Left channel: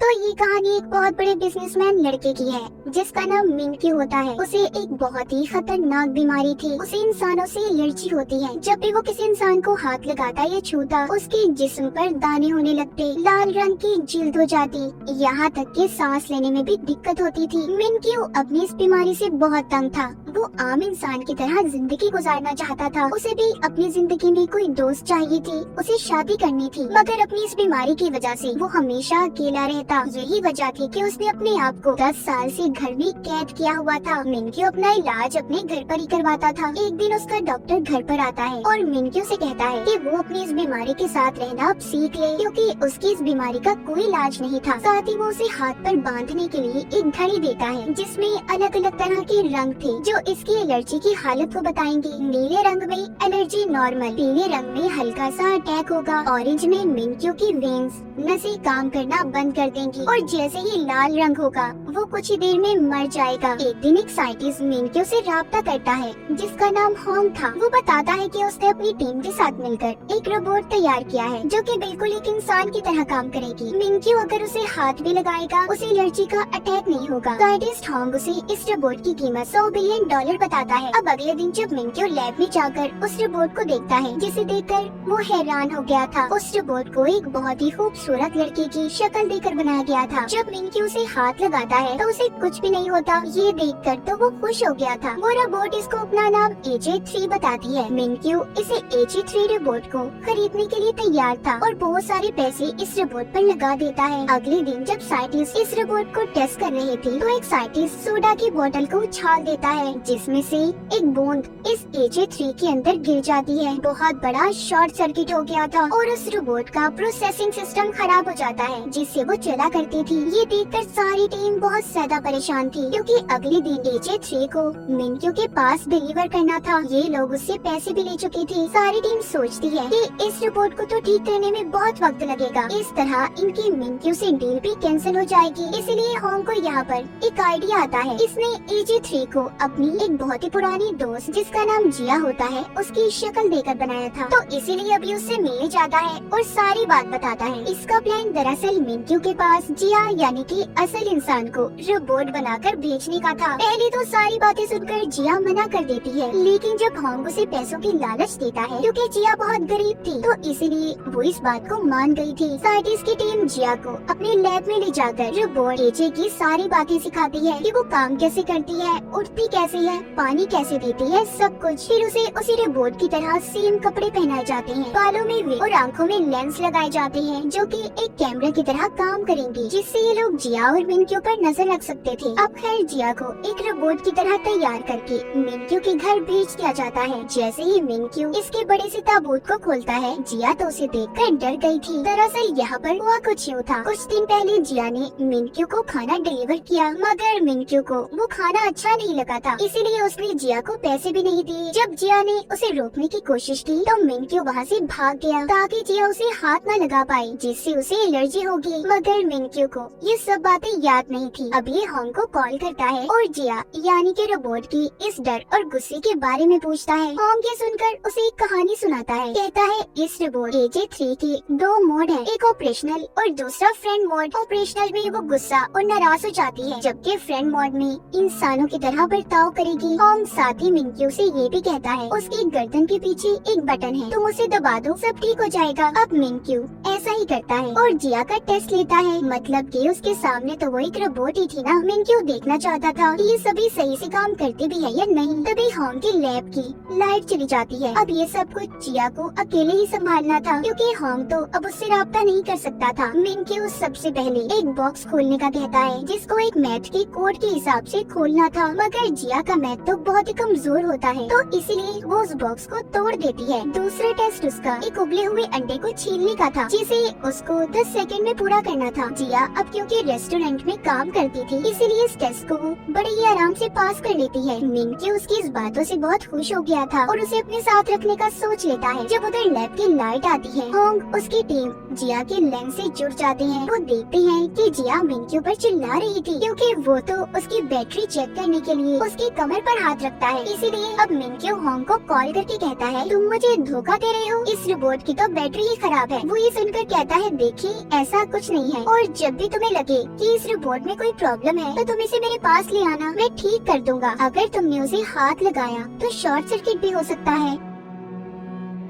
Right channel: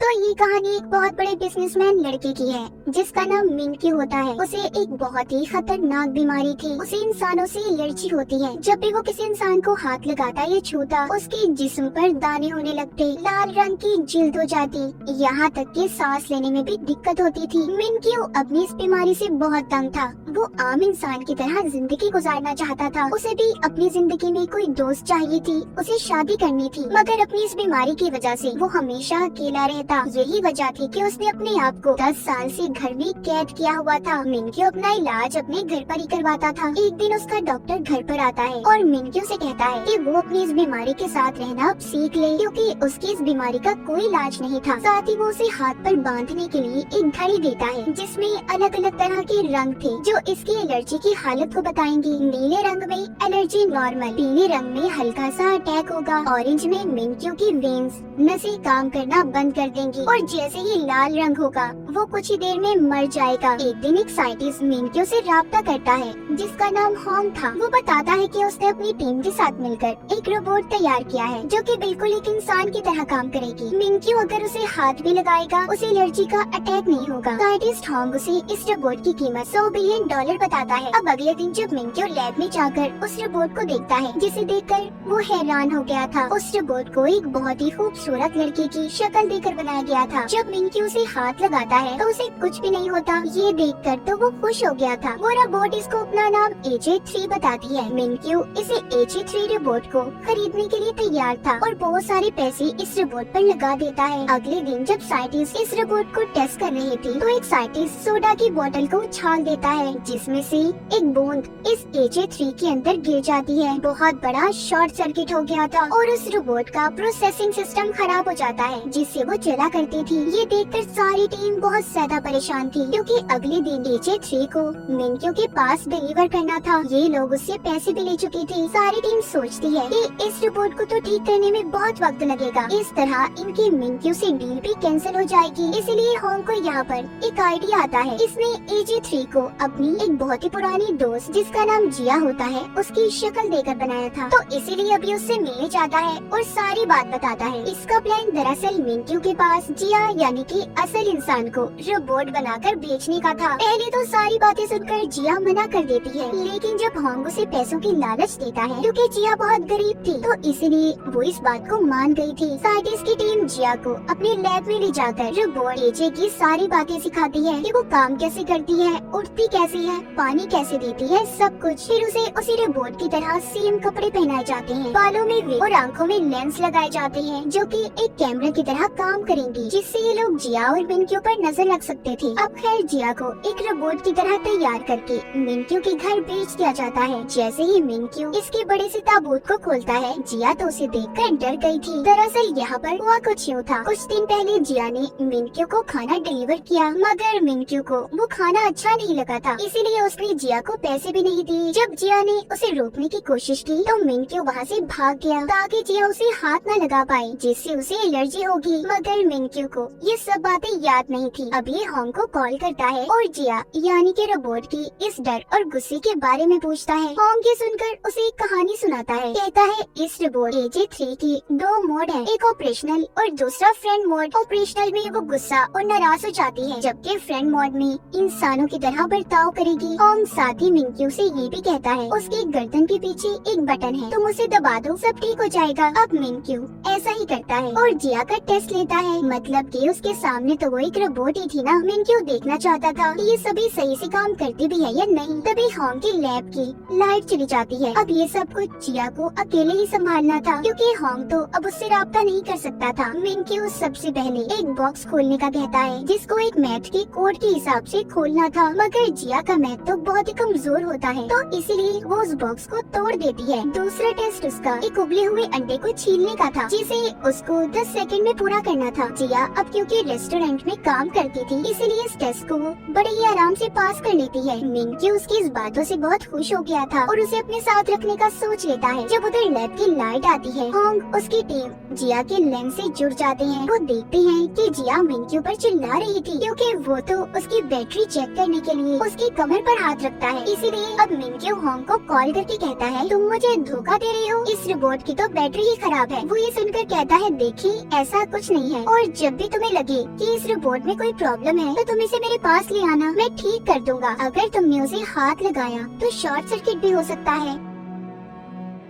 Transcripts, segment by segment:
तो ये कहानी एक बहुत बड़े बिजनेसमैन लड़के की है जिसका नाम मिनक्यू होता है। उसे एक बहुत ही खतरनाक बीमारी थी। उसे इंसानों से एलर्जी होती है। जब भी वो किसी इंसान को हाथ लगाता या छूता, उसके जिस्म पर दाने होने लगते, लाल रंग की जिल्द हो जाती, यहाँ तक कि सांस लेने में भी दिक्कत होती थी। मिनक्यू अपनी इस बीमारी से बहुत तंग था। वो आम इंसान की तरह जिंदगी गुजारना चाहता था। उसे भी अपनी जिंदगी में कोई दोस्त चाहिए थी। उसे शादी करनी थी, मगर अपनी इस बीमारी की वजह से वो हमेशा अकेला रहता। यही वजह थी कि उसने अपने आप को 10 साल से घर में कैद किया हुआ था। मिनक्यू अपना इलाज अपने घर पर ही करवाता था। एक दिन उसका डॉक्टर घर पर आता है और मिनक्यू से कहता है कि वो अपनी इस बीमारी के साथ रहना अब सीख ले, क्योंकि उसकी इस बीमारी का कोई इलाज नहीं था। साथ ही वो उसे हाथ पर बांधने के लिए एक घड़ी देता है जिसमें अलग अलग तरह के रंग थे जो इसकी एलर्जी की हालत को बताएंगे। नीले रंग में एलर्जी नॉर्मल, पीले रंग में हल्का सा अटैक होगा, ऑरेंज में मिनक्यू की वेन्स नसें काम करना बंद कर देंगी, और जैसे ही लाल रंग होगा वो कुछ ही देर में मर जाएगा। एक दिन एक साइंटिस्ट मिनक्यू से राब्ता करता है जिसका नाम होंग था। वो बताता है कि उसने अपनी टीम के साथ मिलकर एक रोबोट तैयार किया है जो कि बिल्कुल एक इंसान की तरह काम करेगी। मिनक्यू अगर उसे हाथ भी लगाएगा उसे एलर्जी का अटैक नहीं होगा। साइंटिस्ट होंग उसे इस रोबोट की कीमत $100 बिलियन बताता है। अब अगले दिन जब मिनक्यू लैब में जाकर उस रोबोट को देखता है, जिसे देखकर वो हैरान हो गया था। उस रोबोट को एक बहुत ही खूबसूरत लड़के की शक्ल देकर बनाया गया था। जब मिनक्यू उसे हाथ लगाता है तो उसे कुछ भी नहीं होता। ये देखकर तो वो खुश हो गया था। वो रोबोट इसको अपना नाम AJ3 बताती है। मिनक्यू इसे AJ3 रोबोट को खरीदने के लिए तैयार था और बहुत सारे पैसे इस रोबोट पर लगा देता है। अगले दिन जब साइंटिस्ट इस रोबोट को टेस्ट कर रहे थे तो एक साइंटिस्ट सोडा की बोतल को उछाल देता है जिसमें से एक बूंद इस AJ3 के अंदर गिर जाती है। बहुत बड़ा शॉर्ट सर्किट हो गया था और उस रोबोट का प्रोसेसिंग सिस्टम खराब हो जाता है जिससे वो चला करती थी। ये देखकर सारी टीम बहुत ज्यादा परेशान थी क्योंकि अगले दिन AJ3 को मिनक्यू के पास डिलीवर करना था। ये लोग उससे पैसे भी ले चुके थे। सारी टीम सोचती है कि इस रोबोट को तो ठीक करने में बहुत वक्त लगेगा। इस तरह इनकी मिनक्यू से डील भी कैंसिल हो जाएगी। इसलिए होंग को यहाँ पर एक आइडिया आता है। इसने AJ3 को अपनी एक बहुत ही पुरानी दोस्त जिसका नाम जिया होता है उसकी शक्ल देकर बनाया था, तो इसीलिए अभी उससे मिलने जाता है और सारी बात बताता है। इसका प्लान दरअसल मिनक्यू के पास जिया यानी कि असल इंसान को रोबोट बनाकर बेचने का था। पहले तो सारी बातें सुनकर जिया मना कर देती है, लेकिन जब होंग उसे पैसों की लालच देता है क्योंकि जिया बहुत गरीब थी तो इसलिए वो इस बात को मान गई थी। साइंटिस्ट की टीम जिया को अपने लैब में ले जाकर रोबोट AJ की सारी बातें सिखाती है कि वो काम कैसे करती है, उठती कैसे है, पानी कैसे देती है, सब कुछ। फिर उसे रोबोट की तरह सेम कपड़े पहनाए जाते हैं, बालों में वे और आँखों में लेंस लगाए जाते हैं जो कि एक कैमरे की तरह काम करेंगी, जिससे ये लोग जिया और मिनक्यू पर नजर रख सकते थे। अब खैर जिया को एक रोबोट की तरह तैयार करके मिनक्यू के घर भेज दिया जाता है। जैसे ही मिनक्यू इसके बड़े से ताबूत को खोलता है, जिया तो उसे देखकर डर गई थी। दरअसल यहाँ पर हुआ कुछ यूँ था। कुछ दिन पहले जिया ने मिनक्यू को खाना डिलीवर किया, मगर मिनक्यू को वो खाना अच्छा नहीं लगा था, इसीलिए उसने जिया को पैसे भी नहीं दिए। जब जिया ने उसे रोकने की कोशिश की तो मिनक्यू वहाँ से भाग गया ताकि जिया उसे हाथ न लगा पाए, जिससे उसे एलर्जी होगी। मगर मिनक्यू को ये सब बातें याद नहीं थी। अब ये होंग को कॉल करता है और जिया यानी कि रोबोट की इस डर और गुस्से के बारे में पूछता है। होंग ये सुनकर उसे एक कहानी सुनाता है। कहता है इस रोबोट AJ3 के 2 मोड हैं, एक ऑपरेशनल और दूसरा फ्रेंड मोड। ऑपरेशनल में वो गुस्सा और नाराज हो जाती है, जबकि फ्रेंड मोड में इंसानों की तरह बर्ताव करेगी। होंग साथ ही मिनक्यू से ये भी कहता है उसकी गर्दन के पीछे एक बटन है, तुम उसे दबा दो सब ठीक हो जाएगा। अब मिनक्यू ऐसा ही करता है और जिया का टेस्ट लेता है, मतलब कि उसके सामने तो वो एक रोबोट ही थी ना। मिनक्यू देखना चाहता था कि ये सभी सही से काम करती भी है या नहीं। तभी होंग की लैब की लाइट चली जाती है। अब ये सब कुछ जिया को अकेले ही संभालना था क्योंकि होंग तो अब उससे राब्ता नहीं कर सकता था। मिनक्यू सबसे पहले एक बॉक्स खोलने का कहता है जिसको एक मैथ के कोड के हिसाब से खोलना था, मगर जिया का मैथ तो बहुत ही कमजोर होता है तो इसलिए वो उस बॉक्स को तोड़ देती है। दूसरा टेस्ट उसका एक उबले हुए अंडे को छीलने का था जिसे उसको 10 सेकंड में पूरा करना था। जिया अब क्योंकि रेस्टोरेंट में काम करती थी इसीलिए इस टेस्ट को बड़े ही आराम से पास कर लेती है। मिनक्यू उसकी इस बातों से बहुत खुश हो गया था और उसे अपने साथ रखने का सोच लेता है। जब उधर लैब की लाइट आती है, होंग उसकी टीम जिया के लेंस से जुड़ जाते हैं। वो देखते हैं कि जिया मिनक्यू पर चिल्ला रही थी क्योंकि वो तो उसकी बैटरी चेक करने के लिए उसकी कमर पर हाथ रखता है। इसीलिए अब मिनक्यू होंग को कॉल करके कहता है, तुम मुझे धोखा दे रहे हो, इस रोबोट की तो बैटरी ही खराब है। वो ये सुनकर कहता है, देखिए ऐसा कुछ नहीं है, और जब भी तुम्हें लगे कि इस रोबोट में कोई प्रॉब्लम है तो तुम इसे मेरे पास ले आना, मैं ठीक कर दूंगा। अगर तुमने उसे हाथ लगाया तो शॉर्ट सर्किट भी हो सकता है।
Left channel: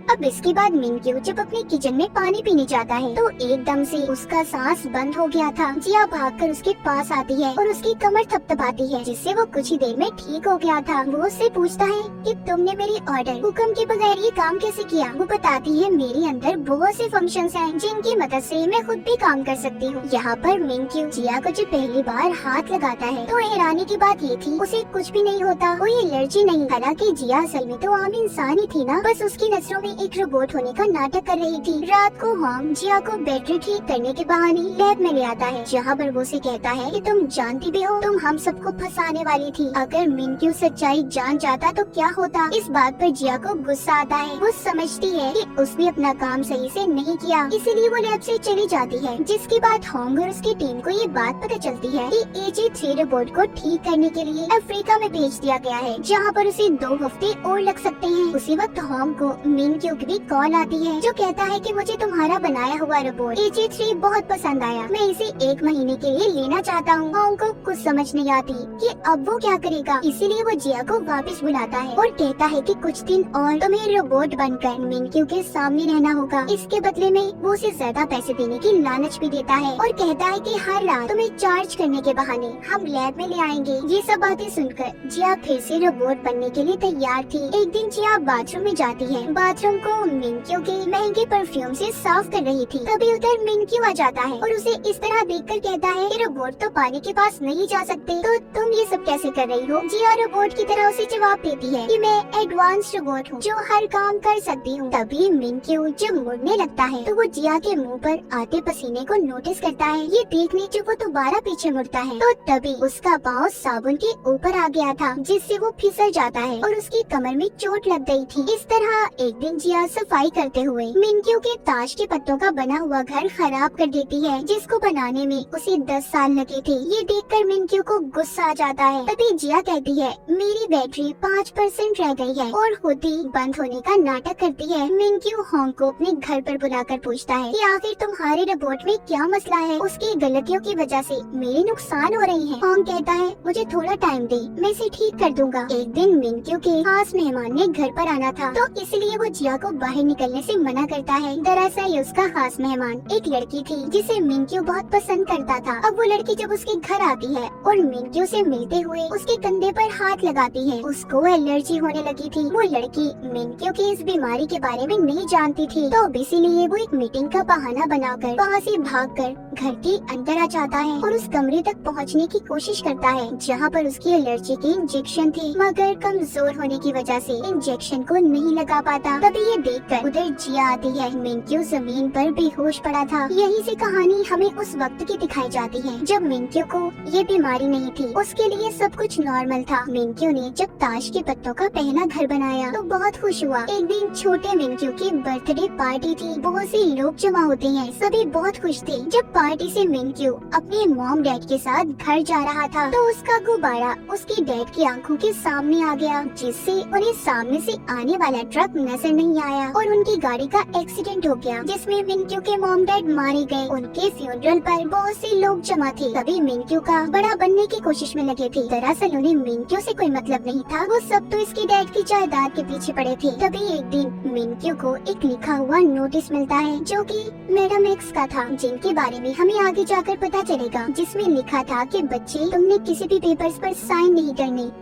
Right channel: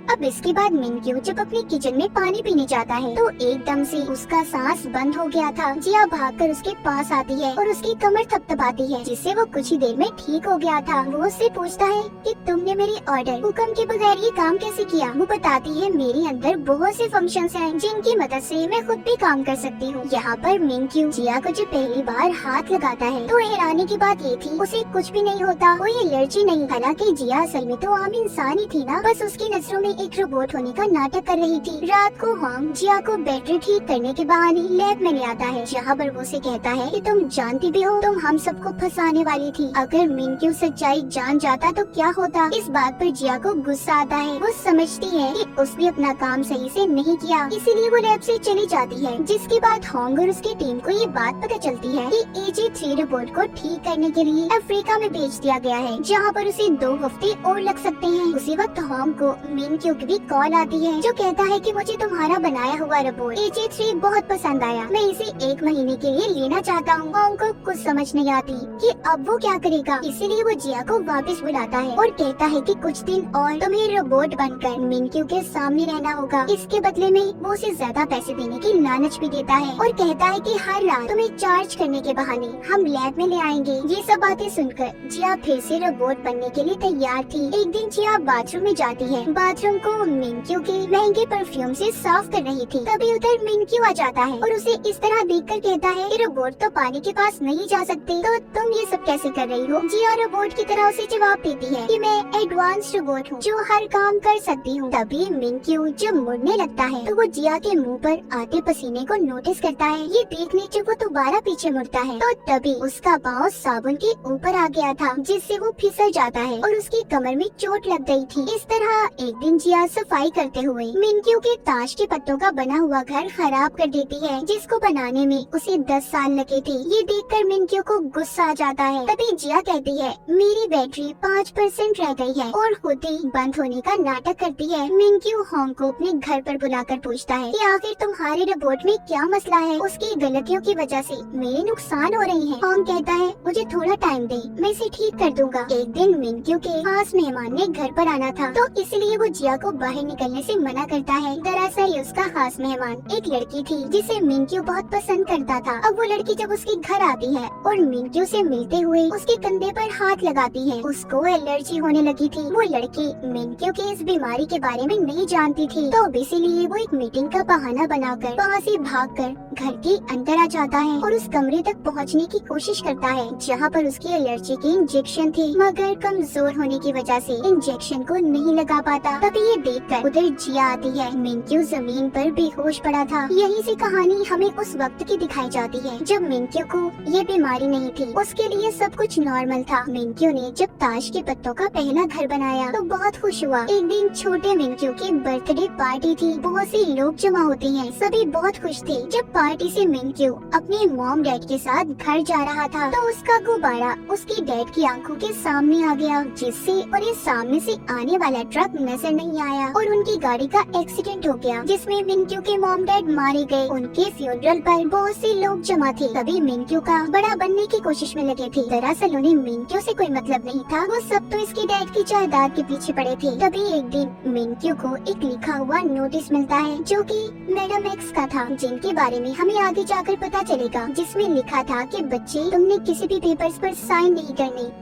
अब इसके बाद मिनक्यू जब अपने किचन में पानी पीने जाता है तो एकदम से उसका सांस बंद हो गया था। जिया भागकर उसके पास आती है और उसकी कमर थपथपाती है, जिससे वो कुछ ही देर में ठीक हो गया था। वो उससे पूछता है कि तुमने मेरी ऑर्डर हुक्म के बगैर ये काम कैसे किया। वो बताती है, मेरे अंदर बहुत से फंक्शंस हैं जिनकी मदद से मैं खुद भी काम कर सकती हूँ। यहाँ पर मिनक्यू जिया को जब पहली बार हाथ लगाता है तो हैरानी की बात ये थी, उसे कुछ भी नहीं होता, कोई एलर्जी नहीं। हालांकि जिया असल में तो आम इंसान ही थी ना, बस उसकी नजरों में एक रोबोट होने का नाटक कर रही थी। रात को होंग जिया को बैटरी ठीक करने के बहाने लैब में ले आता है, जहाँ पर वो उसे कहता है कि तुम जानती भी हो तुम हम सबको फंसाने वाली थी। अगर मिनक्यू सच्चाई जान जाता तो क्या होता। इस बात पर जिया को गुस्सा आता है। वो समझती है कि उसने अपना काम सही से नहीं किया, इसीलिए वो लैब से चली जाती है। जिसके बाद होंग और उसकी टीम को ये बात पता चलती है कि AG3 रोबोट को ठीक करने के लिए अफ्रीका में भेज दिया गया है, जहाँ पर उसे 2 हफ्ते और लग सकते हैं। उसी वक्त होंग को मिनक्यू की कॉल आती है जो कहता है कि मुझे तुम्हारा बनाया हुआ रोबोट AG3 बहुत पसंद आया, मैं इसे 1 महीने के लिए लेना चाहता हूँ। होंग को कुछ समझ नहीं आती कि अब वो क्या करेगा, इसीलिए वो जिया को वापस बुलाता है और कहता है कि कुछ दिन और तुम्हें रोबोट बनकर मिनक्यू के सामने रहना होगा। इसके बदले में वो उसे ज्यादा पैसे देने की लालच भी देता है और कहता है कि हर रात तुम्हें चार्ज करने के बहाने हम लैब में ले आएंगे। ये सब बातें सुनकर जिया फिर से रोबोट बनने के लिए तैयार थी। एक दिन जिया बाथरूम में जाती है, बाथरूम को मिनक्यू के महंगे परफ्यूम से साफ कर रही थी। तभी उधर मिनक्यू आ जाता है और उसे इस तरह देखकर कहता है कि रोबोट तो पानी के पास नहीं जा सकती, तो तुम ये सब कैसे कर रही हो। जिया रोबोट की तरह उसे जवाब देती है कि मैं एडवांस रोबोट हूँ जो हर काम कर सकती हूँ। तभी मिनक्यू जब मुड़ने लगता है तो वो जिया के मुंह पर आते पसीने को नोटिस करता है। ये देखने जब वो दोबारा पीछे मुड़ता है तो तभी उसका पाँव साबुन के ऊपर आ गया था, जिससे वो फिसल जाता है और उसकी कमर में चोट लग गई थी। इस तरह एक दिन जिया सफाई करते हुए मिनक्यू के ताश के पत्तों का बना हुआ घर खराब कर देती है, जिसको बनाने में उसे 10 साल लगे थे। ये देखकर मिनक्यू को गुस्सा आ जाता है। तभी जिया कहती है, मेरी बैटरी 5% रह गई है, और होती बंद होने का नाटक करती है। मिनक्यू होंग को अपने घर पर बुलाकर पूछता है कि आखिर तुम्हारे रोबोट में क्या मसला है, उसकी गलतियों की वजह से मेरे नुकसान हो रहे हैं। होंग कहता है, मुझे थोड़ा टाइम दे, मैं इसे ठीक कर दूंगा। एक दिन मिनक्यू के खास मेहमान ने घर पर आना था, तो इसलिए वो जिया को बाहर निकलने से मना करता है। दरअसल उसका खास मेहमान एक लड़की थी जिसे मिनक्यू बहुत पसंद करता था। अब वो लड़की जब उसके घर आती है और मिनक्यू से मिलते हुए उसके कंधे पर हाथ लगाती है, उसको एलर्जी होने लगी थी। वो लड़की मिनक्यू की इस बीमारी के बारे में नहीं जानती थी, तो इसीलिए वो एक मीटिंग का बहाना बनाकर वहाँ से भागकर घर के अंदर आ जाता है और उस कमरे तक पहुँचने की कोशिश करता है जहाँ पर उसकी एलर्जी के इंजेक्शन थे, मगर कमजोर होने की वजह से इंजेक्शन को नहीं लगा पाता। तभी ये देखकर उधर जिया आती है। मिनक्यू जमीन पर बेहोश पड़ा था। यहीं से कहानी हमें उस वक्त की दिखाई जाती है जब मिनक्यू को ये बीमारी नहीं थी, उसके लिए सब कुछ नॉर्मल था। मिनक्यू ने जब ताश के पत्तों का पहला घर बनाया तो बहुत खुश हुआ। एक दिन छोटे मिनक्यू की बर्थडे पार्टी थी, बहुत से लोग जमा होते हैं, सभी बहुत खुश थे। जब पार्टी से मिनक्यू अपने मॉम डैड के साथ घर जा रहा था तो उसका गुब्बारा उसकी डैड की आंखों के सामने आ गया, जिससे उन्हें सामने से आने वाला ट्रक नजर नहीं आया और उनकी गाड़ी का एक्सीडेंट हो गया, जिसमें मिनक्यू के मॉम डैड मारे गए। उनके फ्यूनरल पर बहुत से लोग जमा थे। तभी मिनक्यू का बड़ा बनने की कोशिश में लगे थे। दरअसल उन्हें मिनक्यू से कोई मतलब नहीं था, वो सब तो इसके डैड की जायदाद के पीछे पड़े थे। तभी एक दिन मिनक्यू को एक लिखा हुआ नोटिस मिलता है जो कि मैडम एक्स का था, जिनके बारे में हमें आगे जाकर पता चलेगा, जिसमें लिखा था कि बच्चे तुमने किसी भी पेपर्स पर साइन नहीं करने।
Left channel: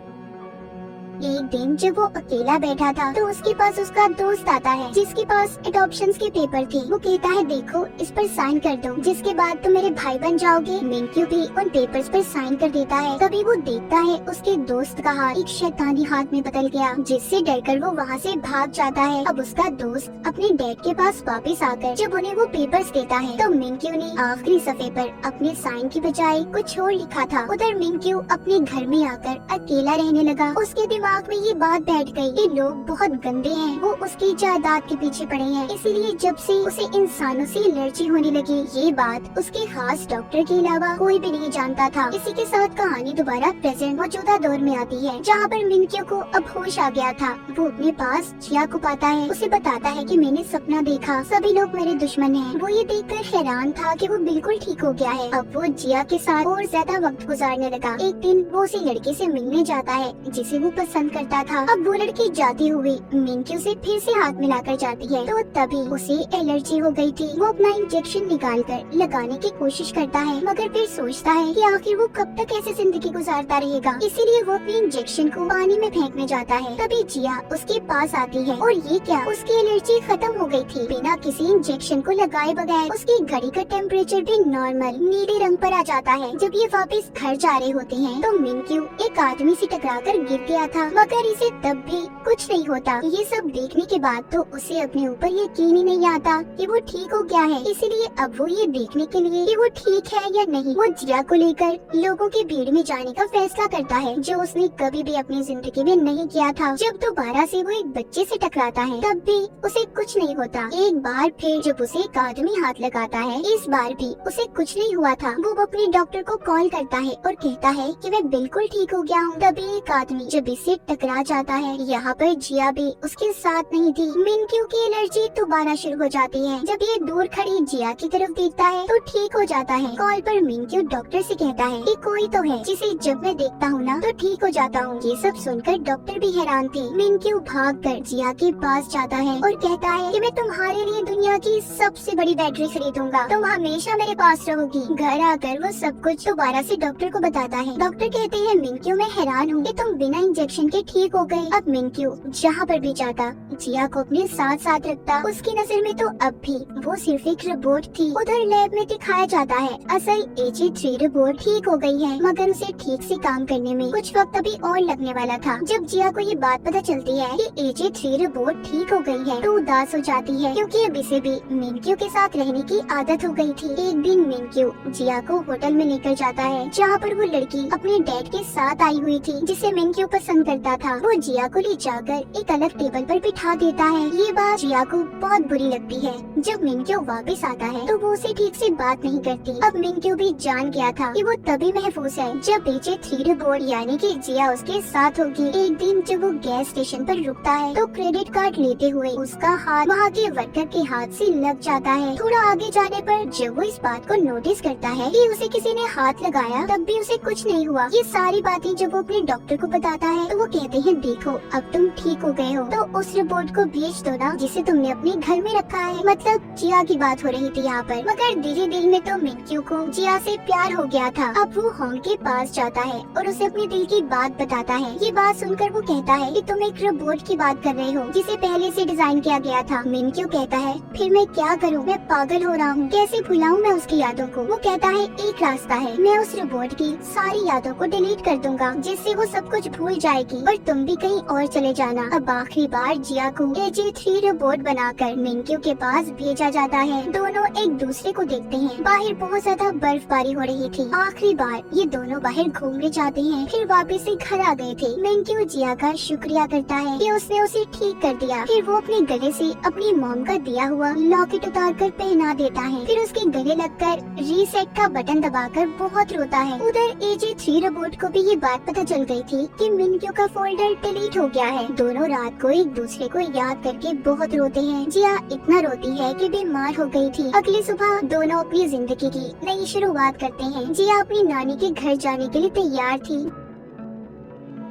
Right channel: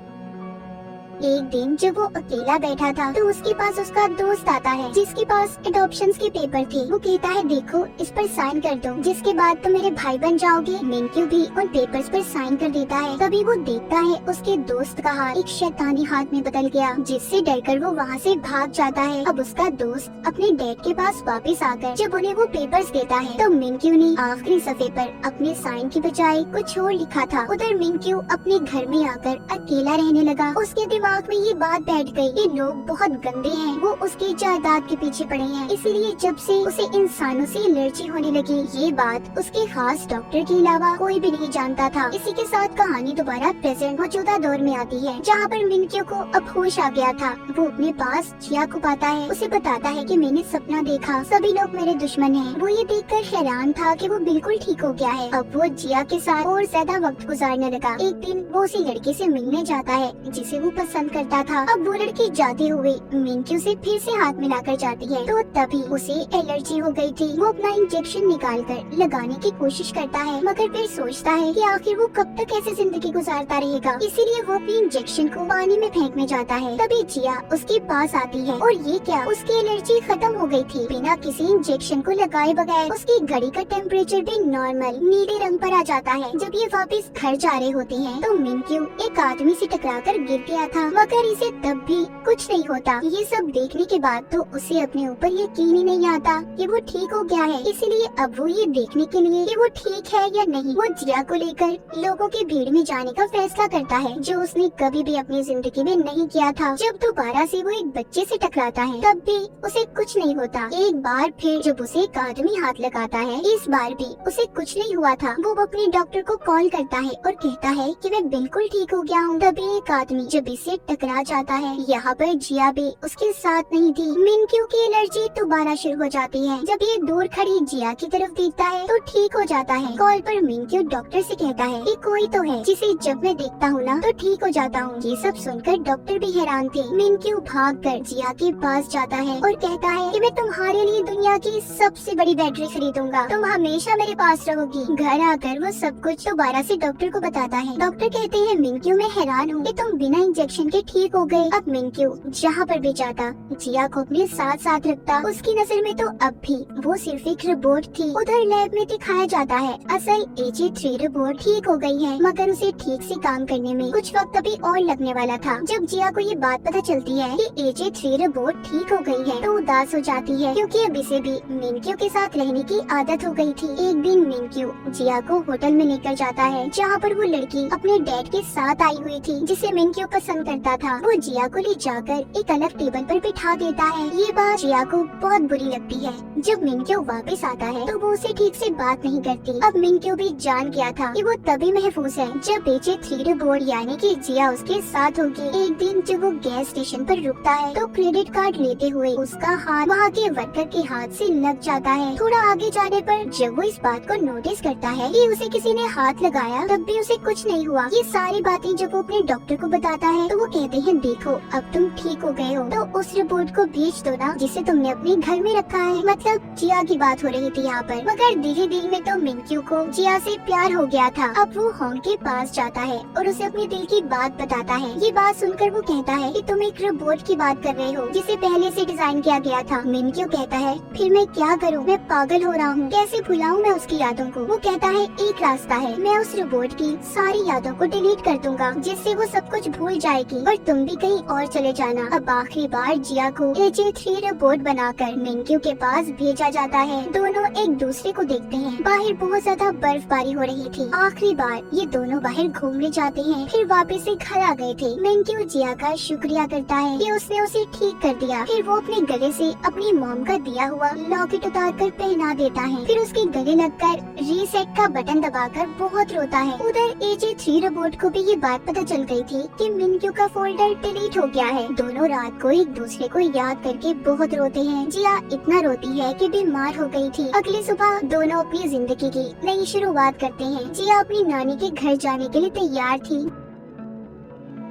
एक दिन जब वो अकेला बैठा था तो उसके पास उसका दोस्त आता है जिसके पास एडॉप्शंस के पेपर थे। वो कहता है, देखो इस पर साइन कर दो, जिसके बाद तुम मेरे भाई बन जाओगे। मिनक्यू भी उन पेपर्स पर साइन कर देता है। तभी वो देखता है उसके दोस्त का हाथ एक शैतानी हाथ में बदल गया, जिससे डरकर वो वहाँ से भाग जाता है। अब उसका दोस्त अपने डैड के पास वापस आकर जब उन्हें वो पेपर्स देता है तो मिनक्यू ने आखिरी सफ़े पर अपने साइन की बजाय कुछ और लिखा था। उधर मिनक्यू अपने घर में आकर अकेला रहने लगा। उसके दिमाग दिमाग में ये बात बैठ गई, ये लोग बहुत गंदे हैं, वो उसकी जायदाद के पीछे पड़े हैं। इसीलिए जब से उसे इंसानों से एलर्जी होने लगी, ये बात उसके खास डॉक्टर के अलावा कोई भी नहीं जानता था। इसी के साथ कहानी दोबारा प्रेजेंट मौजूदा दौर में आती है, जहाँ पर मिनक्यू को अब होश आ गया था। वो अपने पास जिया को पाता है, उसे बताता है कि मैंने सपना देखा, सभी लोग मेरे दुश्मन हैं। वो ये देखकर हैरान था कि वो बिल्कुल ठीक हो गया है। अब वो जिया के साथ और ज्यादा वक्त गुजारने लगा। एक दिन वो उसी लड़के से मिलने जाता है जिसे वो पसंद करता था। अब वो लड़की जाती हुई मिनक्यू से फिर से हाथ मिलाकर जाती है, तो तभी उसे एलर्जी हो गई थी। वो अपना इंजेक्शन निकालकर लगाने की कोशिश करता है, मगर फिर सोचता है कि आखिर वो कब तक ऐसे जिंदगी गुजारता रहेगा। इसीलिए वो अपनी इंजेक्शन को पानी में फेंकने जाता है। तभी जिया उसके पास आती है और ये क्या, उसकी एलर्जी खत्म हो गई थी। बिना किसी इंजेक्शन को लगाए बगैर उसकी घड़ी का टेम्परेचर भी नॉर्मल नीले रंग पर आ जाता है। जब ये वापस घर जा रहे होते हैं तो मिनक्यू एक आदमी से टकराकर गिर गया था, मगर इसे तब भी कुछ नहीं होता। ये सब देखने के बाद तो उसे अपने ऊपर यकीन ही नहीं आता कि वो ठीक हो गया है। इसीलिए अब वो ये देखने के लिए कि वो ठीक है या नहीं, वो जिया को लेकर लोगों की भीड़ में जाने का फैसला करता है, जो उसने कभी भी अपनी जिंदगी में नहीं किया था। जब दोबारा से वो एक बच्चे से टकराता है तब भी उसे कुछ नहीं होता। एक बार फिर जब उसे एक आदमी हाथ लगाता है, इस बार भी उसे कुछ नहीं हुआ था। वो अपने डॉक्टर को कॉल करता है और कहता है कि मैं बिल्कुल ठीक हो गया हूँ। तभी एक आदमी जब इससे टकरा जाता है, यहाँ पर जिया भी उसके साथ नहीं थी। मिनक्यू की एलर्जी दोबारा शुरू हो जाती है। जब ये दूर खड़ी जिया की तरफ देखता है तो ठीक हो जाता है। कॉल पर मिनक्यू डॉक्टर से कहता है कि कोई तो है जिसे जब मैं देखता हूँ ना तो ठीक हो जाता हूँ। ये सब सुनकर डॉक्टर भी हैरान थे। मिनक्यू भागकर जिया के पास जाता है और कहता है कि मैं तुम्हारे लिए दुनिया की सबसे बड़ी बैटरी खरीदूंगा, तुम हमेशा मेरे पास रहोगी। घर आकर वो सब कुछ दोबारा से डॉक्टर को बताता है। डॉक्टर कहते हैं मिनक्यू मैं हैरान हूँ कि तुम बिना इंजेक्शन के ठीक हो गए। अब मिनक्यू जहाँ पर भी जाता जिया को अपने साथ साथ रखता। उसकी नजर में तो अब भी वो सिर्फ एक रोबोट थी। उधर लैब में दिखाया जाता है असल AJ3 रोबोट ठीक हो गई है, मगर उसे ठीक से काम करने में कुछ वक्त अभी और लगने वाला था। जब जिया को ये बात पता चलती है कि AJ3 रोबोट ठीक हो गई है तो उदास हो जाती है, क्योंकि अब इसे भी मिनक्यू के साथ रहने की आदत हो गई थी। एक दिन मिनक्यू जिया को होटल में लेकर जाता है, जहाँ पर वो लड़की अपने डैड के साथ आई हुई थी जिसे मिनक्यू पसंद करता था। वो जिया को ले जाकर एक अलग टेबल पर बिठा देता है। ये बात जिया को बहुत बुरी लगती है। जब मिनक्यू वापस आता है तो वो उसे ठीक से बात नहीं करती। अब मिनक्यू भी जान गया था कि वो तभी महफूज है जब AJ3 रोबोट यानी कि जिया उसके साथ होगी। एक दिन जब वो गैस स्टेशन पर रुकता है तो क्रेडिट कार्ड लेते हुए उसका हाथ वहाँ के वर्कर के हाथ से लग जाता है। थोड़ा आगे जाने पर जब वो इस बात को नोटिस करता है कि उसे किसी ने हाथ लगाया तब भी उसे कुछ नहीं हुआ। ये सारी बातें जब वो अपने डॉक्टर को बताता है तो वो कहते हैं देखो अब तुम ठीक हो गए हो तो उस रिपोर्ट को बेच दो ना जिसे तुमने अपने घर में रखा है। मतलब जिया की बात हो रही थी यहाँ पर, मगर धीरे दिल में तो मिनक्यू को जिया से प्यार हो गया था। अब वो होम के पास जाता है और उसे अपने दिल की बात बताता है। ये बात सुनकर वो कहता है कि तुम एक रोबोट की बात कर रहे हो जिसे पहले से डिजाइन किया गया था। मिनक्यू कहता है फिर मैं क्या करूँ, मैं पागल हो रहा हूँ, कैसे भुलाऊं मैं उसकी यादों को। वो कहता है एक रास्ता है, मैं उस रोबोट की सारी यादों को डिलीट कर दूंगा जिससे वो सब कुछ भूल जाएगी और तुम भी कहीं और चले जाना। अब आखिरी बार जिया को AJ3 रोबोट बनाकर मिनक्यू के पास भेजा जाता है। दोनों एक दूसरे को देखते हैं। बाहर बहुत ज्यादा बर्फबारी हो रही थी। आखिरी बार ये दोनों बाहर घूमने जाते हैं, फिर वापस से घर आ गए थे। मिनक्यू जिया का शुक्रिया करता है कि उसने उसे ठीक कर दिया। फिर वो अपने गले से अपनी मॉम का दिया हुआ लॉकेट उतार कर पहना देता है। फिर उसके गले लगकर रीसेट का बटन दबाकर बहुत रोता है। उधर AJ3 रोबोट को भी ये बात पता चल गई थी कि मिनक्यू का फोल्डर डिलीट हो गया है। दोनों रात को एक दूसरे को याद करके बहुत रोते हैं। जिया इतना रोती है कि बीमार हो गई थी। अगली सुबह दोनों अपनी जिंदगी की नई शुरुआत करते हैं। जिया अपनी नानी के घर जाने के लिए तैयार थी।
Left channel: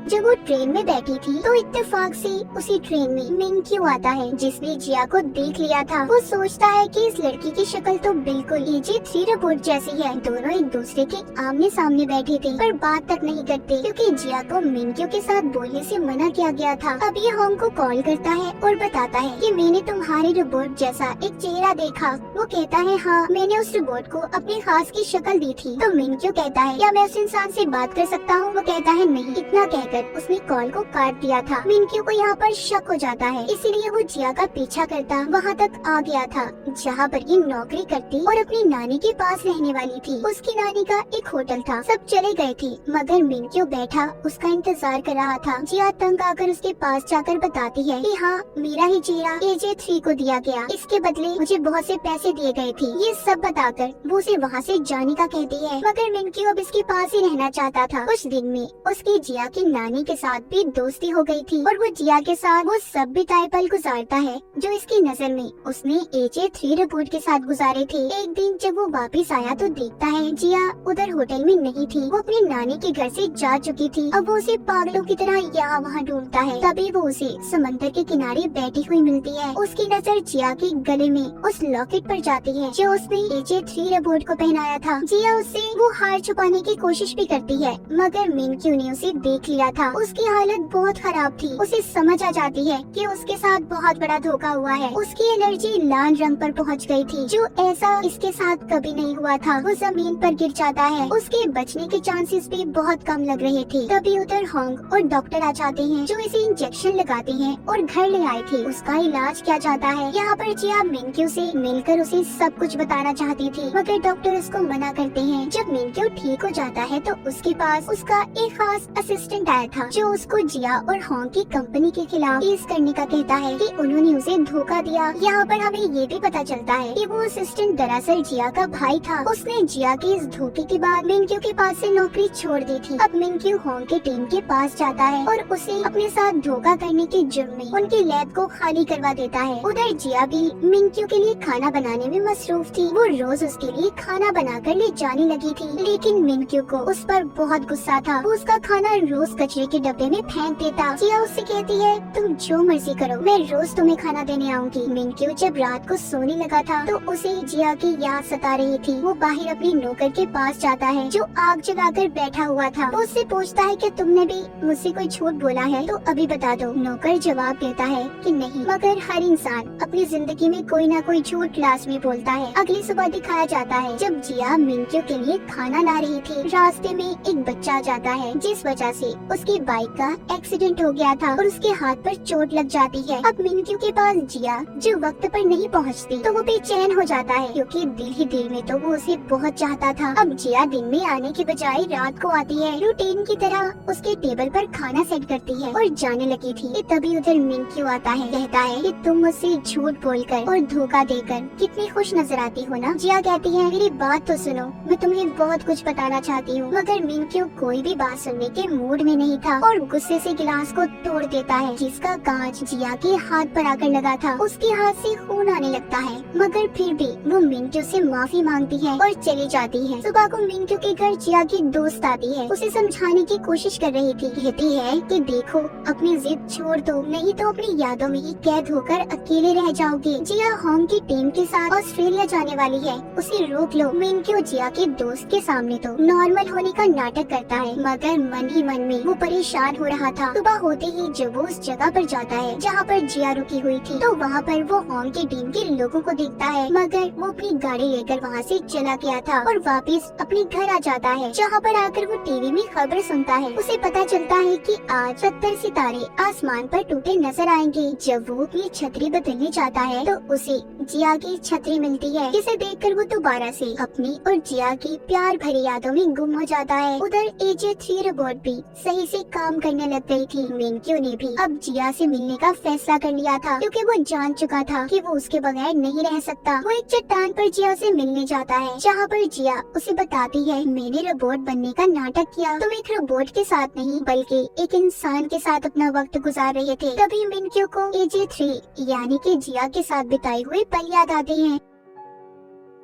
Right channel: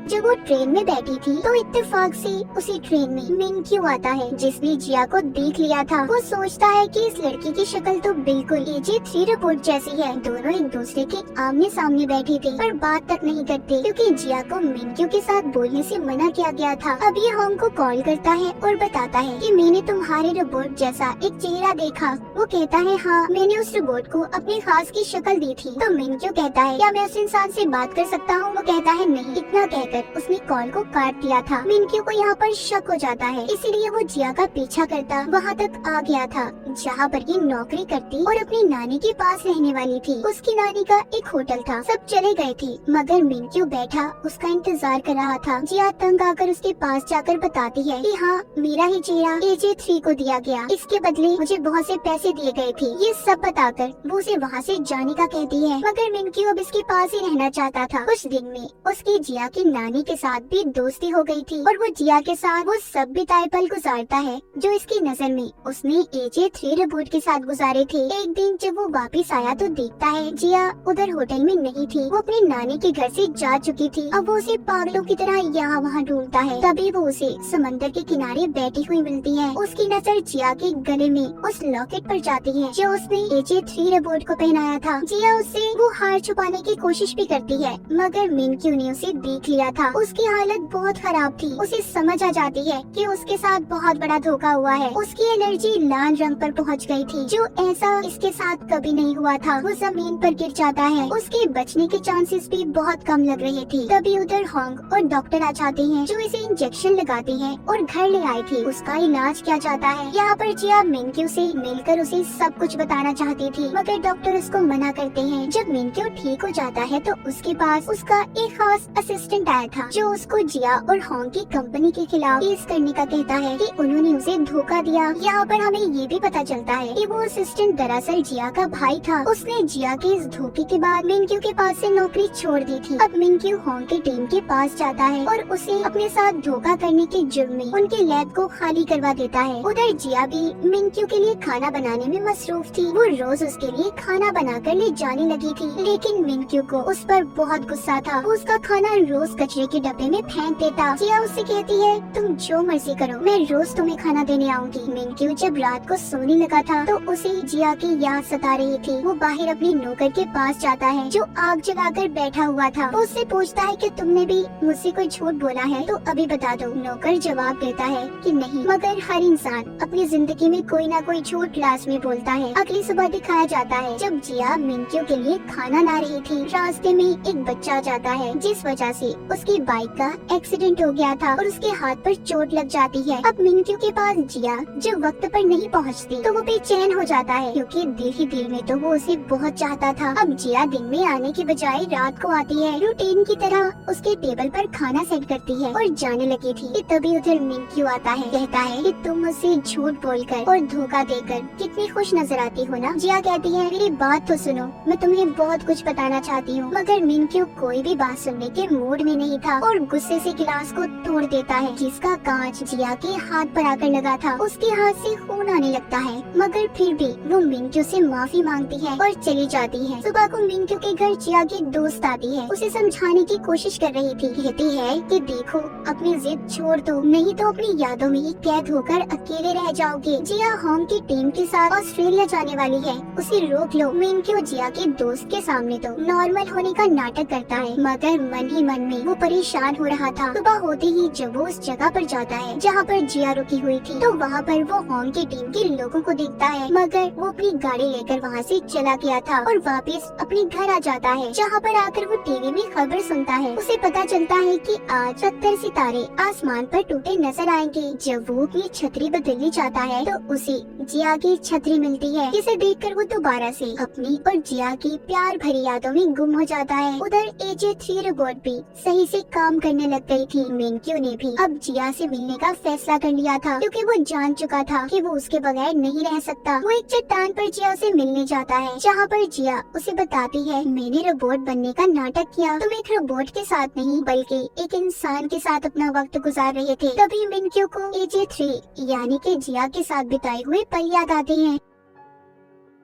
जब वो ट्रेन में बैठी थी तो इत्तेफाक से उसी ट्रेन में मिनक्यू आता है जिसने जिया को देख लिया था। वो सोचता है कि इस लड़की की शक्ल तो बिल्कुल AJ3 रोबोट जैसी है। दोनों एक दूसरे के आमने सामने बैठे थे पर बात तक नहीं करते, क्योंकि जिया को मिनक्यू के साथ बोलने से मना किया गया था। अब ये होम को कॉल करता है और बताता है कि मैंने तुम्हारे रोबोट जैसा एक चेहरा देखा। वो कहता है हाँ, मैंने उस रोबोट को अपनी खास की शक्ल दी थी। तो मिनक्यू कहता है क्या मैं उस इंसान से बात कर सकता हूँ? वो कहता है नहीं। इतना कहकर उसने कॉल को काट दिया था। मिनक्यू को यहाँ पर शक हो जाता है, इसीलिए वो जिया का पीछा करता वहाँ तक आ गया था जहाँ पर ये नौकरी करती और अपनी नानी के पास रहने वाली थी। उसकी नानी का एक होटल था, सब चले गए थे मगर मिनक्यू बैठा उसका इंतजार कर रहा था। जिया तंग आकर उसके पास जाकर बताती है कि हाँ, मेरा ही चेहरा AJ3 को दिया गया, इसके बदले मुझे बहुत से पैसे दिए गए थे। ये सब बताकर वो उसे वहाँ से जाने का कहती है मगर मिनक्यू अब इसके पास ही रहना चाहता था। कुछ दिन में उसकी जिया की नानी के साथ भी दोस्ती हो गई थी और वो जिया के साथ वो सब बिताए पल गुजारता है जो इसकी नजर में उसने AJ3 रिपोर्ट के साथ गुजारे थे। एक दिन जब वो वापस आया तो देखता है जिया उधर होटल में नहीं थी, वो अपनी नानी के घर से जा चुकी थी। अब वो उसे पागलों की तरह यहाँ वहाँ ढूंढता है। तभी वो उसे समंदर के किनारे बैठी हुई मिलती है। उसकी नजर जिया के गले में उस लॉकेट पर जाती है जो उसने AJ3 रिपोर्ट को पहनाया था। जिया उससे वो हार छुपाने की कोशिश भी करती है मगर मिनक्यू ने उसे देख लिया था। उसकी हालत बहुत खराब थी, उसे समझ आ जाती है कि उसके साथ बहुत बड़ा धोखा हुआ है। उसकी एनर्जी लाल रंग पर पहुंच गई थी जो ऐसा इसके साथ कभी नहीं हुआ था। वो जमीन पर गिर जाता है, उसके बचने के चांसेस भी बहुत कम लग रहे थे। तभी उधर होंग और डॉक्टर आ जाते हैं जो इसे इंजेक्शन लगाती है और घर ले आए थे। उसका इलाज किया जाता है। यहाँ पर जिया मिनक्यू से मिलकर उसे सब कुछ बताना चाहती थी मगर डॉक्टर उसको मना करते हैं। जब मिनक्यू ठीक हो जाता है तो उसके पास उसका एक खास असिस्टेंट आया था जो उसको जिया और होंग की कंपनी के खिलाफ केस करने का कहता है कि उन्होंने उसे धोखा दिया। यहाँ पर हमें ये भी पता चलता है कि वो असिस्टेंट दरअसल जिया का भाई था। उसने जिया के इस धोखे के बाद मिनक्यू के पास से नौकरी छोड़ दी थी। अब मिनक्यू होंग की टीम के पास जाता है और उसे अपने साथ धोखा करने के जुर्म में उनके लैब को खाली करवा देता है। उधर जिया भी मिनक्यू के लिए खाना बनाने में मसरूफ थी। वो रोज उसके लिए खाना बनाकर ले जाने लगी थी लेकिन मिनक्यू को उस पर बहुत गुस्सा था। वो उसका खाना रोज कचरे के डब्बे में फेंक देता। जिया उससे कहती है तुम जो मर्जी करो, मैं रोज तुम्हें खाना देने आऊंगी। मिनक्यू जब रात को सोने लगा था तो उसे जिया की याद सता रही थी। वो बाहर अपने नौकर के पास जाता है जो आग जलाकर बैठा हुआ था। वो उससे पूछता है कि तुमने भी मुझसे कोई झूठ बोला है तो अभी बता दो। नौकर जवाब देता है कि नहीं, मगर हर इंसान अपनी जिंदगी में कोई ना कोई झूठ लाजमी बोलता है। अगली सुबह दिखाया जाता है जब जिया मिनक्यू के लिए खाना ला रही थी, रास्ते में एक बच्चा आ जाता है जिस वजह से उसकी बाइक का एक्सीडेंट हो गया था और उसके हाथ पर चोट लग जाती है। अब मिनक्यू के पास जिया जो वक्त पर नहीं पहुंचती तो वो बेचैन हो जाता है क्योंकि दिल ही दिल में तो वो उसे बहुत चाहता था। अब जिया दिन में आने के बजाय रात को आती है, रूटीन की तरह उसके टेबल पर खाना सेट करती है और जाने लगी थी कि तभी उधर मिनक्यू आता है, कहता है कि तुम मुझसे झूठ बोलकर और धोखा देकर कितनी खुश नजर आती हो ना। जिया कहती है मेरी बात तो सुनो, मैं तुम्हें बहुत कुछ बताना चाहती हूँ। मगर मिनक्यू कोई भी बात सुनने के मूड में नहीं था और गुस्से से गिलास को तोड़ देता है जिसका कांच जिया के हाथ पर आकर लगा था। उसके हाथ से खून आने लगता है मगर फिर भी वो मिनक्यू से माफी मांगती है और चली जाती है। सुबह को मिनक्यू के घर जिया की दोस्त आती है, उसे समझाने की कोशिश कर रही थी। कहती है कि देखो अपनी जिद छोड़ दो, नहीं तो अपनी यादों में ही कैद होकर अकेले रह जाओगी। जिया होंग की टीम के साथ ऑस्ट्रेलिया जाने वाली है, उसे रोक लो। मिनक्यू जिया के दोस्त के सामने तो नॉर्मल होने का नाटक करता है मगर मन ही मन में वो परेशान हो रहा था। सुबह होते ही जब वो उस जगह पर जाता है जहाँ पर जिया रुकी हुई थी तो वहाँ पर वो होंग की टीम के लोगों को देखता है मगर वो अपनी गाड़ी लेकर वहाँ से चला गया था और वापस अपने घर आ जाता है जहाँ पर आकर वो टीवी में खबर सुनता है। उसे पता चलता है कि आज 70 सितारे आसमान पर टूटे नजर आएंगे। जब वो अपनी छतरी बदलने जाता है तो उसे जिया की छतरी मिलती है, जिसे देखकर वो दोबारा से अपनी और जिया की प्यार भरी यादों में गुम हो जाता है। उधर AJ3 रोबोट भी सही से काम करने लग गई थी। मिनक्यू ने भी अब जिया से मिलने का फैसला कर लिया था क्योंकि वो जान चुका था कि वो उसके बगैर नहीं रह सकता। वो एक चट्टान पर जिया से मिलने जाता है जहाँ पर जिया उसे बताती है मैंने रोबोट बनने का नाटक किया, तुम एक रोबोट के साथ नहीं बल्कि एक इंसान के साथ अपना वक्त गुजार रहे थे। तभी मिनक्यू को AJ3 यानी कि जिया के साथ बिताए हुए पल याद आते हैं।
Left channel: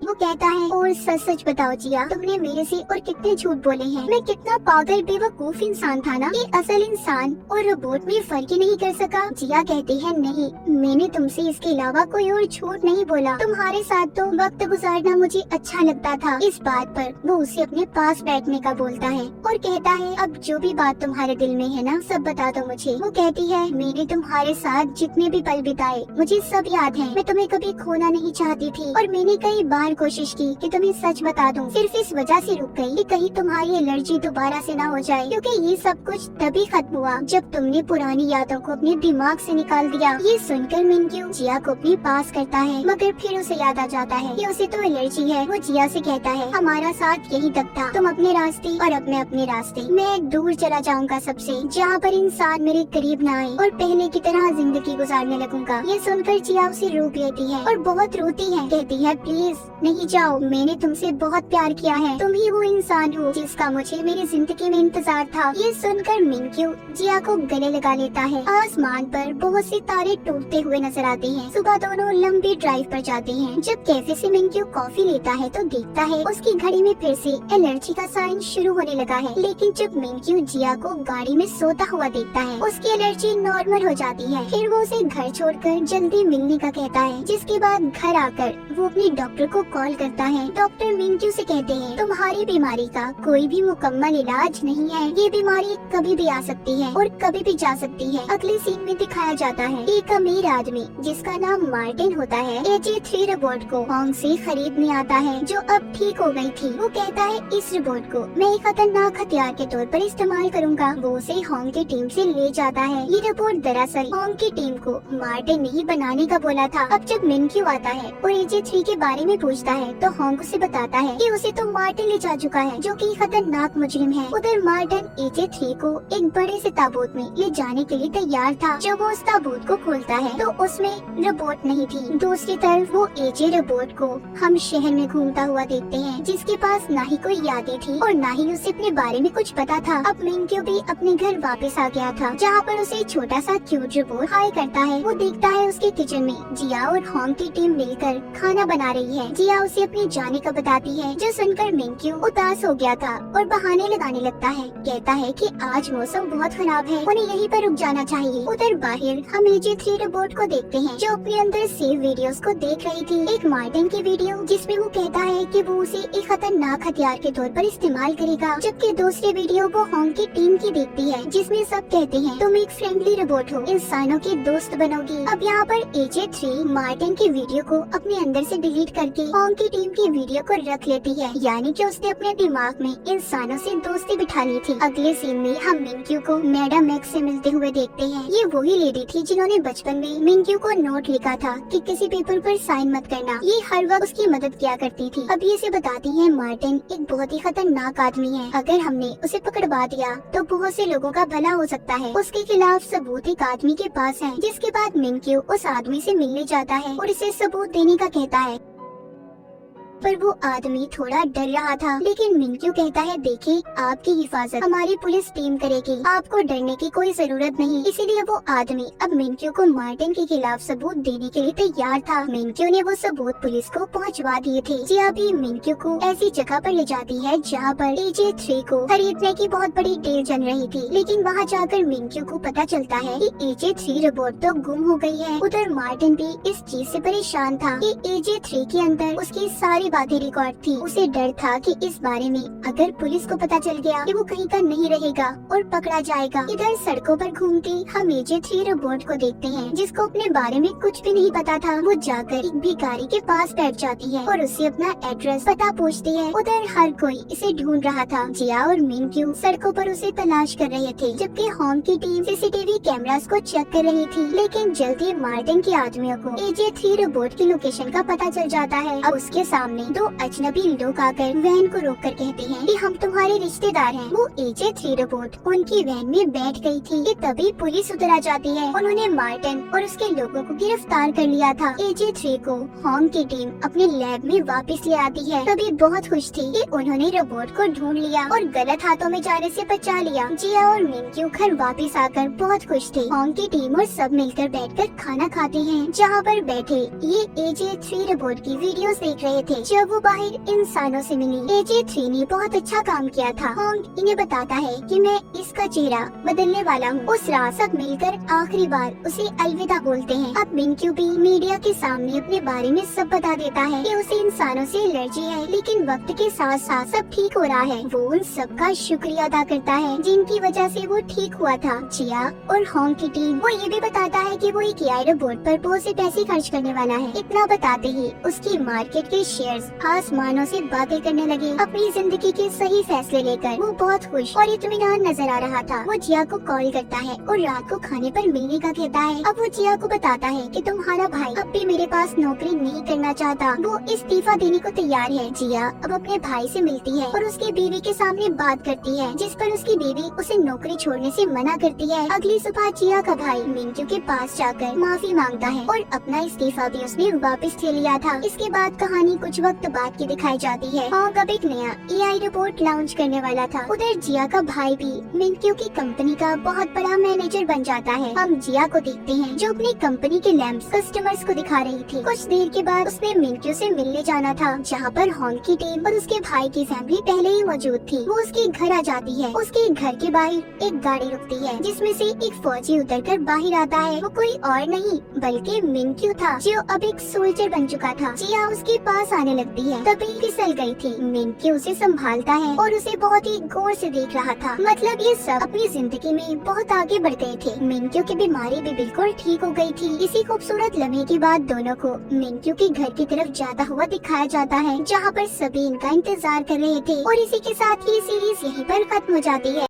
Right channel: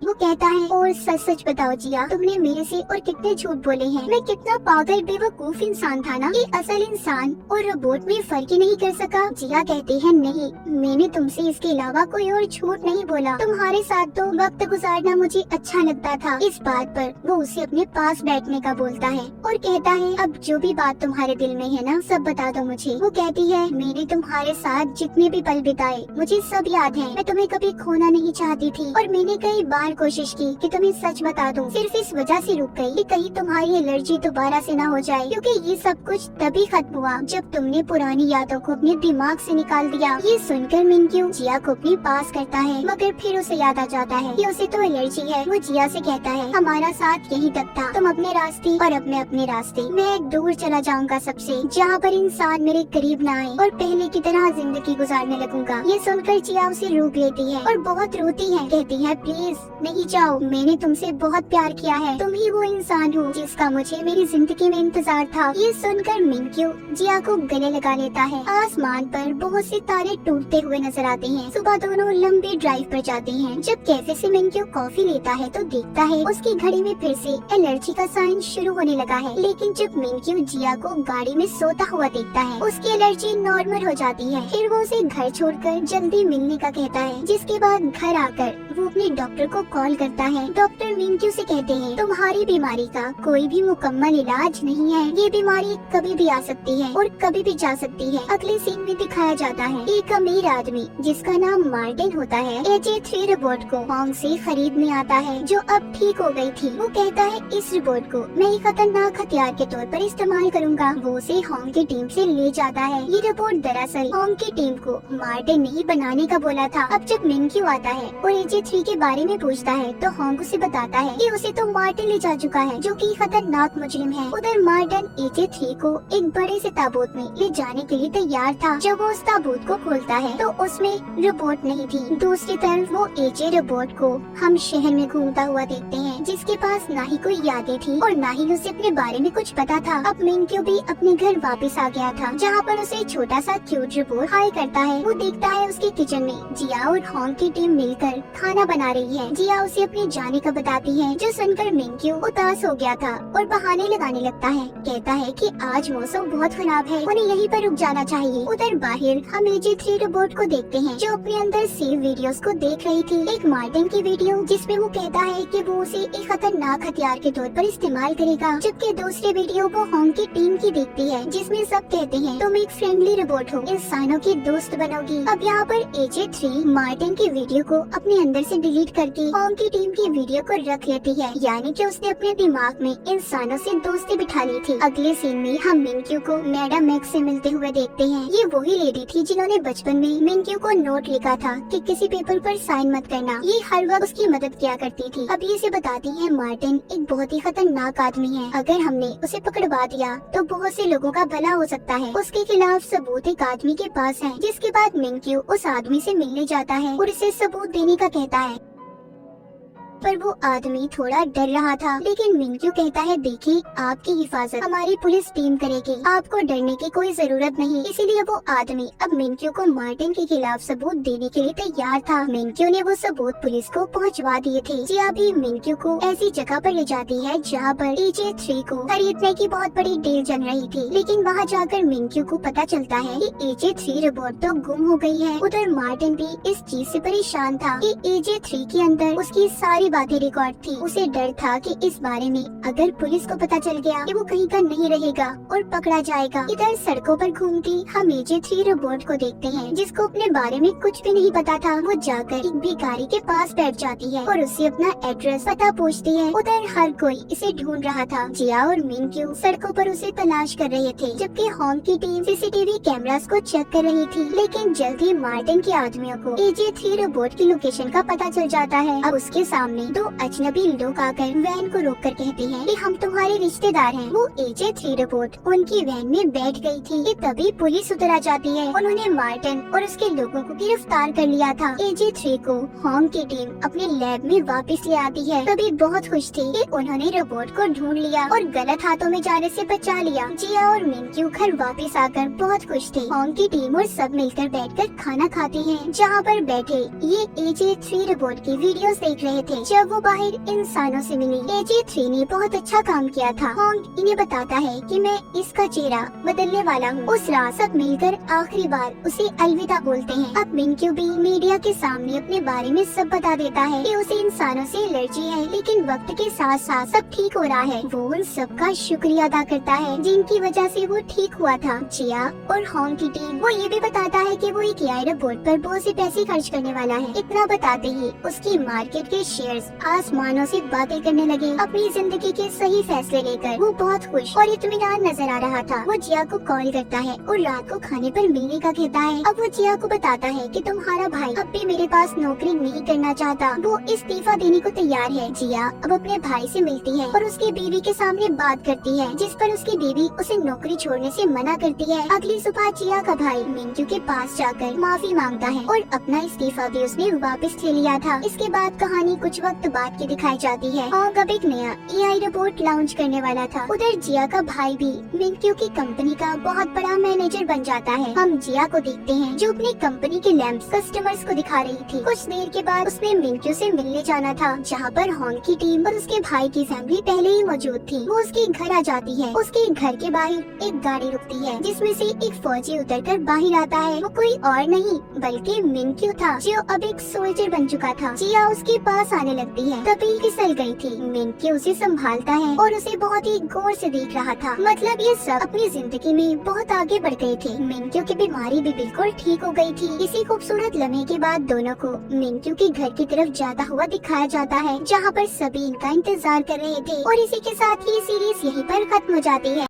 वो कहता है और सच सच बताओ जिया, तुमने मेरे से और कितने झूठ बोले हैं। मैं कितना पागल बेवकूफ इंसान था ना कि असल इंसान और रोबोट में फर्क ही नहीं कर सका। जिया कहती है नहीं, मैंने तुमसे इसके अलावा कोई और झूठ नहीं बोला। तुम्हारे साथ तो वक्त गुजारना मुझे अच्छा लगता था। इस बात पर वो उसे अपने पास बैठने का बोलता है और कहता है अब जो भी बात तुम्हारे दिल में है ना सब बता दो मुझे। वो कहती है मैंने तुम्हारे साथ जितने भी पल बिताए मुझे सब याद है। मैं तुम्हें कभी खोना नहीं चाहती थी और मैंने कई बार बार कोशिश की कि तुम्हें सच बता दूं, सिर्फ इस वजह से रुक गई कि कहीं तुम्हारी एलर्जी दोबारा से ना हो जाए, क्योंकि ये सब कुछ तभी खत्म हुआ जब तुमने पुरानी यादों को अपने दिमाग से निकाल दिया। ये सुनकर मिंक्यू जिया को अपने पास करता है, मगर फिर उसे याद आ जाता है कि उसे तो एलर्जी है। वो जिया से कहता है, हमारा साथ यही तक था, तुम अपने रास्ते और अपने अपने रास्ते, मैं दूर चला जाऊंगा सबसे, जहाँ पर इंसान मेरे करीब ना आए और पहले की तरह जिंदगी गुजारने लगूंगा। ये सुनकर जिया उसे रोक लेती है और बहुत रोती है, कहती है प्लीज नहीं जाओ, मैंने तुमसे बहुत प्यार किया है, तुम ही वो इंसान हो जिसका मुझे मेरी जिंदगी में इंतजार था। ये सुनकर मिंक्यू जिया को गले लगा लेता है। आसमान पर बहुत सी तारे टूटते हुए नजर आते हैं। सुबह दोनों लंबी ड्राइव पर जाते हैं। जब कैफे से मिंक्यू कॉफी लेता है तो देखता है उसकी घड़ी में फिर से एलर्जी का साइन शुरू होने लगा है। लेकिन जब मिंक्यू जिया को गाड़ी में सोता हुआ देखता है, उसकी एलर्जी नॉर्मल हो जाती है। फिर वो उसे घर छोड़कर जल्दी मिलने का कहता है, जिसके बाद घर आकर वो अपने डॉक्टर को कॉल करता है। डॉक्टर मिंक्यू से कहते हैं, तुम्हारी बीमारी का कोई भी मुकम्मल इलाज नहीं है, ये बीमारी कभी भी आ सकती है और कभी भी जा सकती है। अगले सीन में दिखाया जाता है एक अमीर आदमी जिसका नाम मार्टिन होता है HA3 रोबोट को होंग से खरीदने आता है, जो अब ठीक हो गई थी। वो कहता है इस रोबोट को मैं एक खतरनाक हथियार के तौर पर इस्तेमाल करूंगा। वो उसे होंग की टीम से ले जाता है। ये रोबोट दरअसल होंग की टीम को मार्टिन ने ही बनाने का बोला था। अब जब मिंक्यू आता है और HA3 के बारे में पूछता है तो होंग उसे बताता है कि उसे तो मार्टिन ले जा चुका है, जो कि खतरनाक मुजरिम है। उधर मार्टिन HA3 को एक बड़े से ताबूत में ले जाने के लिए तैयार था। जब वो उस ताबूत को खोलता है तो उसमें रोबोट नहीं थी। दूसरी तरफ वो AJ रोबोट को हम शहर में घूमता हुआ देखते हैं, जिसके पास ना ही कोई यादें थी और ना ही उसे अपने बारे में कुछ पता था। अब मिंक्यू भी अपने घर वापस आ गया था, जहाँ पर उसे छोटा सा क्यूट रोबोट हाई करता है। वो देखता है उसके किचन में जिया और होंग की टीम मिलकर खाना बना रही है। जिया उसे अपने जाने का बताती है, जो सुनकर मिंक्यू उदास हो गया था और बहाने लगाने लगता है। कहता है कि आज मौसम बहुत खराब है, उन्हें यहीं पर रुक जाना चाहिए। उधर बाहर हम HA3 रोबोट को देखते हैं, जो अपने अंदर सेव वीडियोस को देख रही थी। एक मार्टिन की वीडियो जिसमें वो कहता है कि वो उसे एक खतरनाक हथियार के तौर पर इस्तेमाल करेगा, जबकि दूसरी वीडियो वो होंग की टीम की देखती है, जिसमें सब कहते हैं तुम एक फ्रेंडली रोबोट हो, इंसानों की दोस्त बनोगी। अब यहाँ पर HA3 मार्टिन की वीडियो को अपने अंदर से डिलीट करके होंग की टीम की वीडियो को रख लेती है, यानी कि उसने अपने दिमाग में इंसानों से दोस्ती बिठा ली थी। अगले सीन में हम मिंक्यू को मैडम एक्स से मिलते हुए देखते हैं। ये वही लेडी थी जिन्होंने बचपन में मिंक्यू को नोट लिखा था कि किसी पेपर पर साइन मत करना। ये हर वक्त उसकी मदद किया करती थी। अब ये से बताती है मार्टिन एक बहुत ही खतरनाक आदमी है, अगर हमने उसे पकड़वा दिया तो बहुत से लोगों का भला हो सकता है। उसके खिलाफ सबूत एक आदमी के पास है। जिसके बाद मिंक्यू उस आदमी से मिलने जाता है और इसे सबूत देने का कहता है, पर वो आदमी थोड़ा डर रहा था। लेकिन मिंक्यू कहता है, देखिए आपकी हिफाजत हमारी पुलिस टीम करेगी, आपको डरने की कोई जरूरत नहीं। इसीलिए वो आदमी अब मिंक्यू को मार्टिन के खिलाफ सबूत देने के लिए तैयार था। मिंक्यू ने वो सबूत पुलिस को पहुंचवा दिए थे। जिया भी मिंक्यू को ऐसी जगह पर ले जाती है जहाँ पर HA3 को खरीदने की बहुत बड़ी डील चल रही थी। लेकिन वहाँ जाकर मिंक्यू को पता चलता है कि HA3 रोबोट तो गुम हो गई है। उधर मार्टिन भी इस चीज से परेशान था कि HA3 के अंदर उसकी सारी बातें रिकॉर्ड थी। उसे डर था कि इस बारे में अगर पुलिस को पता चल गया कि वो कहीं का नहीं रहेगा और पकड़ा जाएगा। इधर सड़कों पर घूमती हम HA3 रोबोट को देखते हैं, जिसको अपने बारे में कुछ भी नहीं पता था। वो जाकर एक भिखारी के पास बैठ जाती है और उससे अपना एड्रेस पता पूछती है। उधर हर कोई इसे ढूंढ रहा था। जिया और मिंक्यू सड़कों पर उसे तलाश कर रहे थे, जबकि होंग की टीम CCTV कैमरास को चेक कर रही थी। लेकिन जल्दी मार्टिन के आदमियों को HA3 रोबोट की लोकेशन का पता चल जाता है। अब उसके सामने दो अजनबी लोग आकर वैन को रोककर कहते हैं कि हम तुम्हारे रिश्तेदार हैं। वो HA3 रोबोट उनकी वैन में बैठ गई थी कि तभी पुलिस उधर आ जाती है। उन्होंने मार्टिन और उसके लोगों को गिरफ्तार कर लिया था। HA3 को होंग की टीम अपने लैब में वापस ले आती है। तभी बहुत खुश थी कि उन्होंने रोबोट को ढूंढ लिया और गलत हाथों में जाने से बचा लिया। जिया और मिंक्यू घर वापस आकर बहुत खुश थे। होंग की टीम और सब मिलकर बैठकर खाना खाती हैं, जहाँ पर बैठे ये HA3 रोबोट की वीडियोस देख रहे थे। जब वो बाहर इंसानों से मिली, HA3 ने बहुत अच्छा काम किया था। होंग इन्हें बताता है कि मैं इसका चेहरा बदलने वाला हूँ। उस रात सब मिलकर आखिरी बार उसे अलविदा बोलते हैं। अब मिंक्यू भी मीडिया के सामने अपने बारे में सब बता देता है कि उसे इंसानों से एलर्जी है, लेकिन वक्त के साथ साथ सब ठीक हो रहा है। वो उन सबका शुक्रिया अदा करता है जिनकी वजह से वो ठीक हुआ था। जिया और होंग की टीम वो ये भी बताता है कि वो एक AI रोबोट पर बहुत से पैसे खर्च करने वाला है। इतना बताते ही उसकी मार्केट के शेयर हेलीकॉप्टर्स आसमानों से बातें करने लगे, अपनी जिंदगी के सही फैसले लेकर। वो बहुत खुश और इत्मीनान नजर आ रहा था। वो जिया को कॉल करता है और रात को खाने पर मिलने का कहता है। अब वो जिया को बताता है कि तुम्हारा भाई अब भी मेरे पास नौकरी नहीं करना चाहता, वो इस्तीफा देने को तैयार है। जिया अब अपने भाई से मिलती है और उसकी बीवी के सामने बात करती है, जिस पर उसकी बीवी उसे नौकरी छोड़ने से मना करती है। अगली सुबह जिया का भाई मिंटू के पास जाकर माफी मांगता है और अपना इस्तीफा भी उसने वापस ले लिया था। इसके बाद कहानी कुछ वक्त बाद की दिखाई जाती है। होंग अब एक नया AI रोबोट लॉन्च करने वाला था। उधर जिया का भाई भी मिंटू की कंपनी का बहुत बड़ा मैनेजर बन जाता है। हम जिया को देखते हैं जो अपनी कंपनी के लैंप्स कस्टमर्स को दिखा रही थी। कुछ देर के बाद उसने मिंटू से मिलने जाना था, जहाँ पर होंग की टीम और उसके भाई की फैमिली पहले ही मौजूद थी। वो उसके घर आ जाती है। उसके घर के बाहर एक गाड़ी रुकती है, जिसमें से एक फौजी उतरकर बाहर आता है। वो कोई और नहीं बल्कि मिंटू था, जो अब एक सोल्जर बन चुका था। जिया उसके पास आने लगती है, तभी फिसल गई थी। मिंटू उसे संभालता है और उसे बहुत ही गौर से देख रहा था। मतलब ये सब अपनी जिंदगी में बहुत आगे बढ़ गए थे। मिंटू की बीमारी भी बिल्कुल ठीक हो गई थी। इसी खूबसूरत लम्हे के बाद दोनों को मिंटू के घर की तरफ जाता हुआ दिखाया जाता है, जहाँ पर सभी इनका इंतजार कर रहे थे। और इसी के साथ ही सीरीज यहीं पर खत्म हो जाती है।